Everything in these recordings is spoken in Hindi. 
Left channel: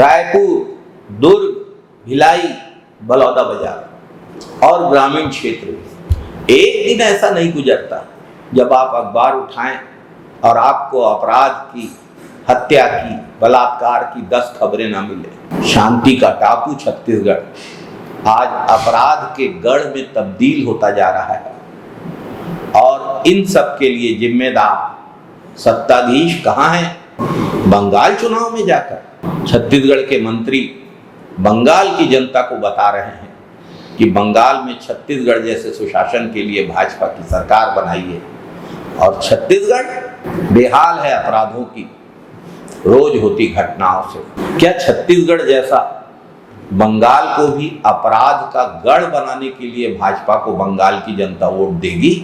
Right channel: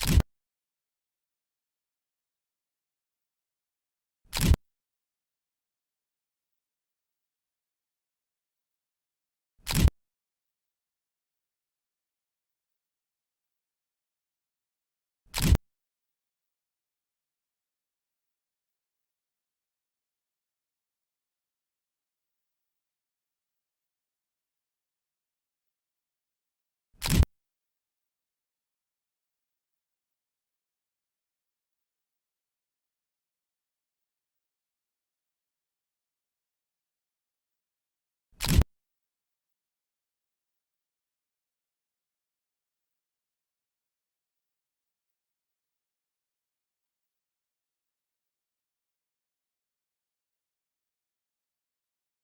रायपुर, दुर्ग, भिलाई, बलौदा बाजार और ग्रामीण क्षेत्र में एक दिन ऐसा नहीं गुजरता जब आप अखबार उठाएं और आपको अपराध की, हत्या की, बलात्कार की 10 खबरें ना मिले। शांति का टापू छत्तीसगढ़ आज अपराध के गढ़ में तब्दील होता जा रहा है और इन सब के लिए जिम्मेदार सत्ताधीश कहाँ हैं? बंगाल चुनाव में जाकर छत्तीसगढ़ के मंत्री बंगाल की जनता को बता रहे हैं कि बंगाल में छत्तीसगढ़ जैसे सुशासन के लिए भाजपा की सरकार बनाई है और छत्तीसगढ़ बेहाल है अपराधों की रोज होती घटनाओं से। क्या छत्तीसगढ़ जैसा बंगाल को भी अपराध का गढ़ बनाने के लिए भाजपा को बंगाल की जनता वोट देगी?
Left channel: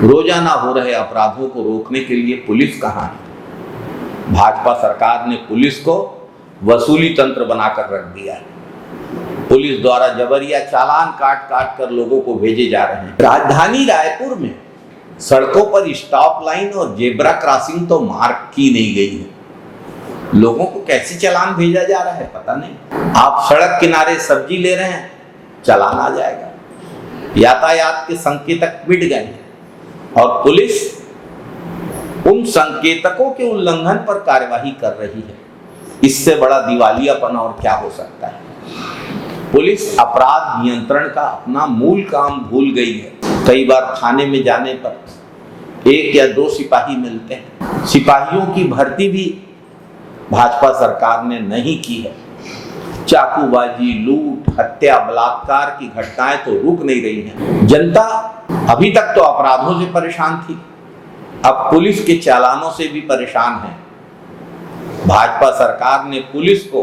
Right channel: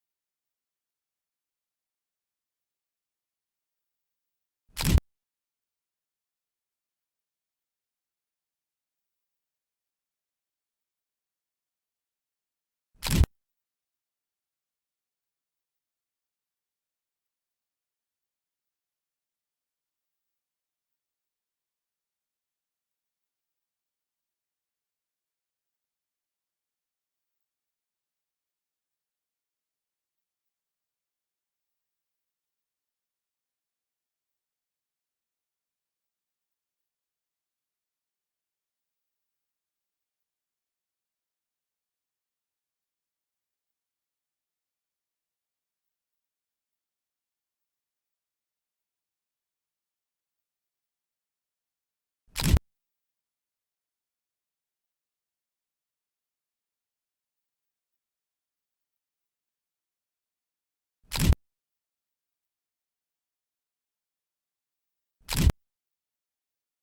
रोजाना हो रहे अपराधों को रोकने के लिए पुलिस कहाँ है? भाजपा सरकार ने पुलिस को वसूली तंत्र बनाकर रख दिया है। पुलिस द्वारा जबरिया चालान काट काट कर लोगों को भेजे जा रहे हैं। राजधानी रायपुर में सड़कों पर स्टॉप लाइन और जेब्रा क्रॉसिंग तो मार्क की नहीं गई है। लोगों को कैसे चालान भेजा जा रहा है पता नहीं। आप सड़क किनारे सब्जी ले रहे हैं, चालान आ जाएगा। यातायात के संकेतक मिट गए हैं और पुलिस उन संकेतकों के उल्लंघन पर कार्यवाही कर रही है। इससे बड़ा दिवालियापन और क्या हो सकता है? पुलिस अपराध नियंत्रण का अपना मूल काम भूल गई है। कई बार थाने में जाने पर 1 या 2 सिपाही मिलते हैं। सिपाहियों की भर्ती भी भाजपा सरकार ने नहीं की है। चाकूबाजी, लूट, हत्या, बलात्कार की घटनाएं तो रुक नहीं रही हैं। जनता अभी तक तो अपराधों से परेशान थी, अब पुलिस के चालानों से भी परेशान है। भाजपा सरकार ने पुलिस को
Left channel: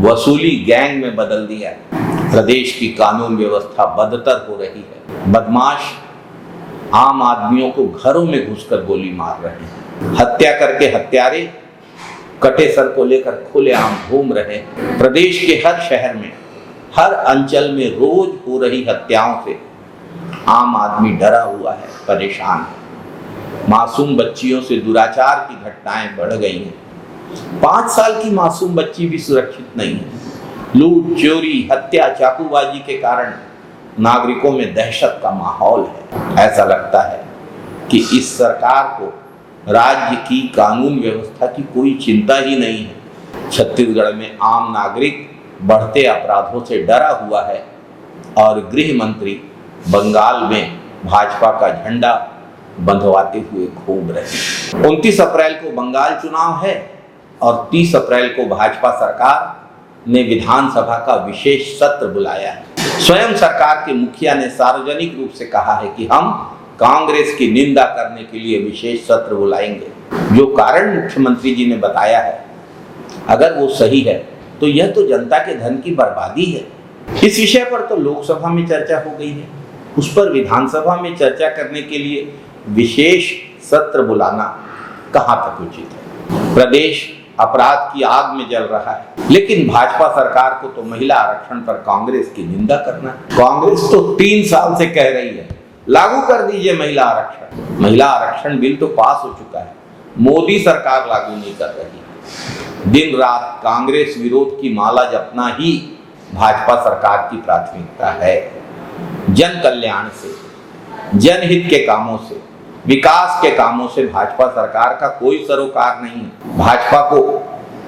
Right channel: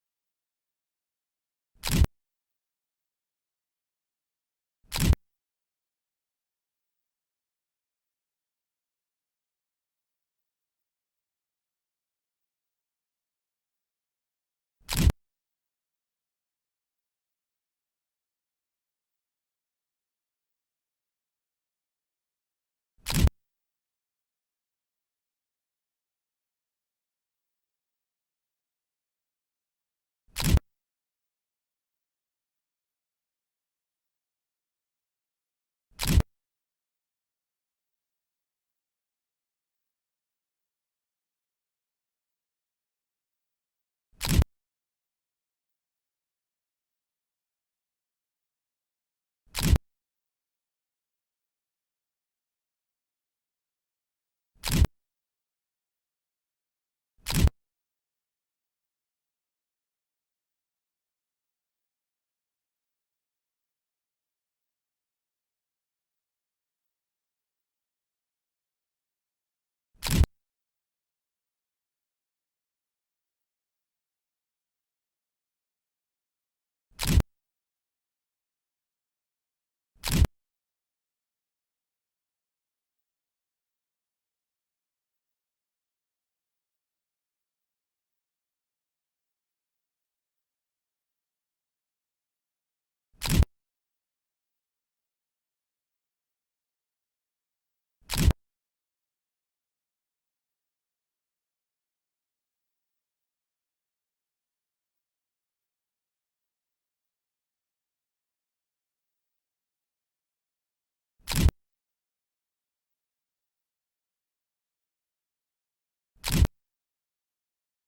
वसूली गैंग में बदल दिया है। प्रदेश की कानून व्यवस्था बदतर हो रही है। बदमाश आम आदमियों को घरों में घुसकर गोली मार रहे हैं। हत्या करके हत्यारे कटे सर को लेकर खुलेआम घूम रहे हैं। प्रदेश के हर शहर में, हर अंचल में रोज हो रही हत्याओं से आम आदमी डरा हुआ है, परेशान है। मासूम बच्चियों से दुराचार की घटनाएं बढ़ गई हैं। 5 साल की मासूम बच्ची भी सुरक्षित नहीं है। लूट, चोरी, हत्या, चाकूबाजी के कारण नागरिकों में दहशत का माहौल है। ऐसा लगता है कि इस सरकार को राज्य की कानून व्यवस्था की कोई चिंता ही नहीं है। छत्तीसगढ़ में आम नागरिक बढ़ते अपराधों से डरा हुआ है और गृह मंत्री बंगाल में भाजपा का झंडा बंधवाते हुए घूम रहे हैं। 29 अप्रैल को बंगाल चुनाव है और 30 अप्रैल को भाजपा सरकार ने विधानसभा का विशेष सत्र बुलाया है। स्वयं सरकार के मुखिया ने सार्वजनिक रूप से कहा है कि हम कांग्रेस की निंदा करने के लिए विशेष सत्र बुलाएंगे। जो कारण मुख्यमंत्री जी ने बताया है, अगर वो सही है तो यह तो जनता के धन की बर्बादी है। इस विषय पर तो लोकसभा में चर्चा हो गई है, उस पर विधानसभा में चर्चा करने के लिए विशेष सत्र बुलाना कहां तक उचित है? प्रदेश अपराध की आग में जल रहा है, लेकिन भाजपा सरकार को तो महिला आरक्षण पर कांग्रेस की निंदा करना है। कांग्रेस तो 3 साल से कह रही है लागू कर दीजिए महिला आरक्षण। महिला आरक्षण बिल तो पास हो चुका है, मोदी सरकार लागू नहीं कर रही। दिन रात कांग्रेस विरोध की माला जपना ही भाजपा सरकार की प्राथमिकता है। जन कल्याण से, जनहित के कामों से, विकास के कामों से भाजपा सरकार का कोई सरोकार नहीं। भाजपा को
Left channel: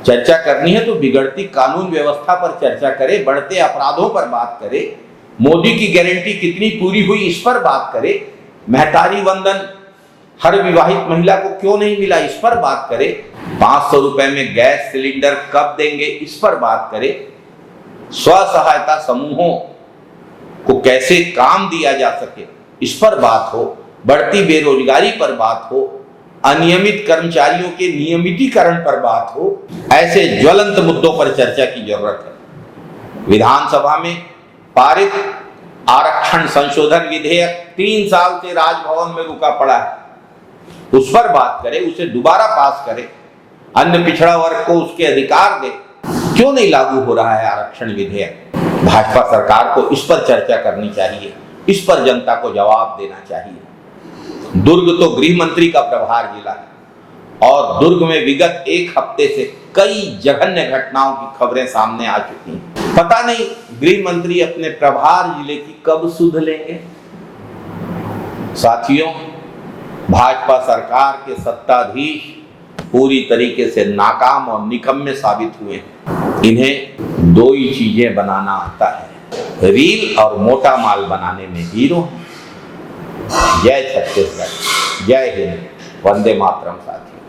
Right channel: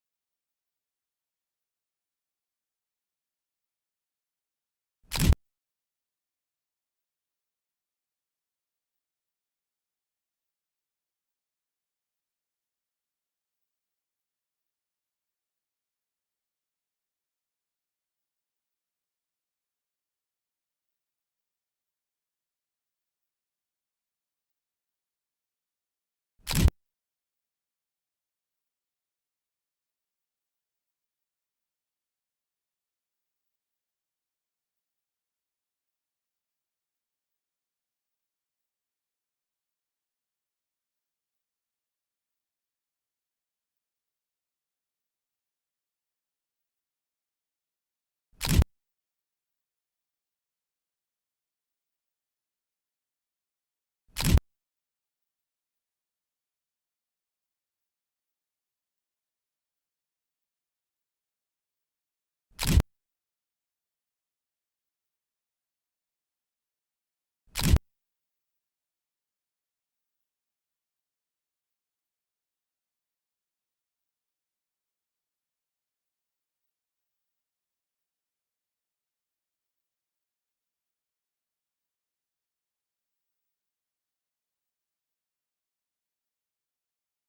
चर्चा करनी है तो बिगड़ती कानून व्यवस्था पर चर्चा करे, बढ़ते अपराधों पर बात करे, मोदी की गारंटी कितनी पूरी हुई इस पर बात करे, महतारी वंदन हर विवाहित महिला को क्यों नहीं मिला इस पर बात करे, 500 रुपए में गैस सिलेंडर कब देंगे इस पर बात करे, स्व सहायता समूहों को कैसे काम दिया जा सके इस पर बात हो, बढ़ती बेरोजगारी पर बात हो, अनियमित कर्मचारियों के नियमितीकरण पर बात हो। ऐसे ज्वलंत मुद्दों पर चर्चा की जरूरत है। विधानसभा में पारित आरक्षण संशोधन विधेयक 3 साल से राजभवन में रुका पड़ा है, उस पर बात करे, उसे दोबारा पास करे, अन्य पिछड़ा वर्ग को उसके अधिकार दे। क्यों नहीं लागू हो रहा है आरक्षण विधेयक? भाजपा सरकार को इस पर चर्चा करनी चाहिए, इस पर जनता को जवाब देना चाहिए। दुर्ग तो गृह मंत्री का प्रभार जिला है और दुर्ग में विगत एक हफ्ते से कई जघन्य घटनाओं की खबरें सामने आ चुकी हैं। पता नहीं गृह मंत्री अपने प्रभार जिले की कब सुध लेंगे। साथियों, भाजपा सरकार के सत्ताधीश पूरी तरीके से नाकाम और निकम्मे साबित हुए हैं। इन्हें दो ही चीजें बनाना आता है, रील और मोटा माल बनाने में हीरो। जय छत्तीसगढ़, जय हिंद, वंदे मातरम साथियों।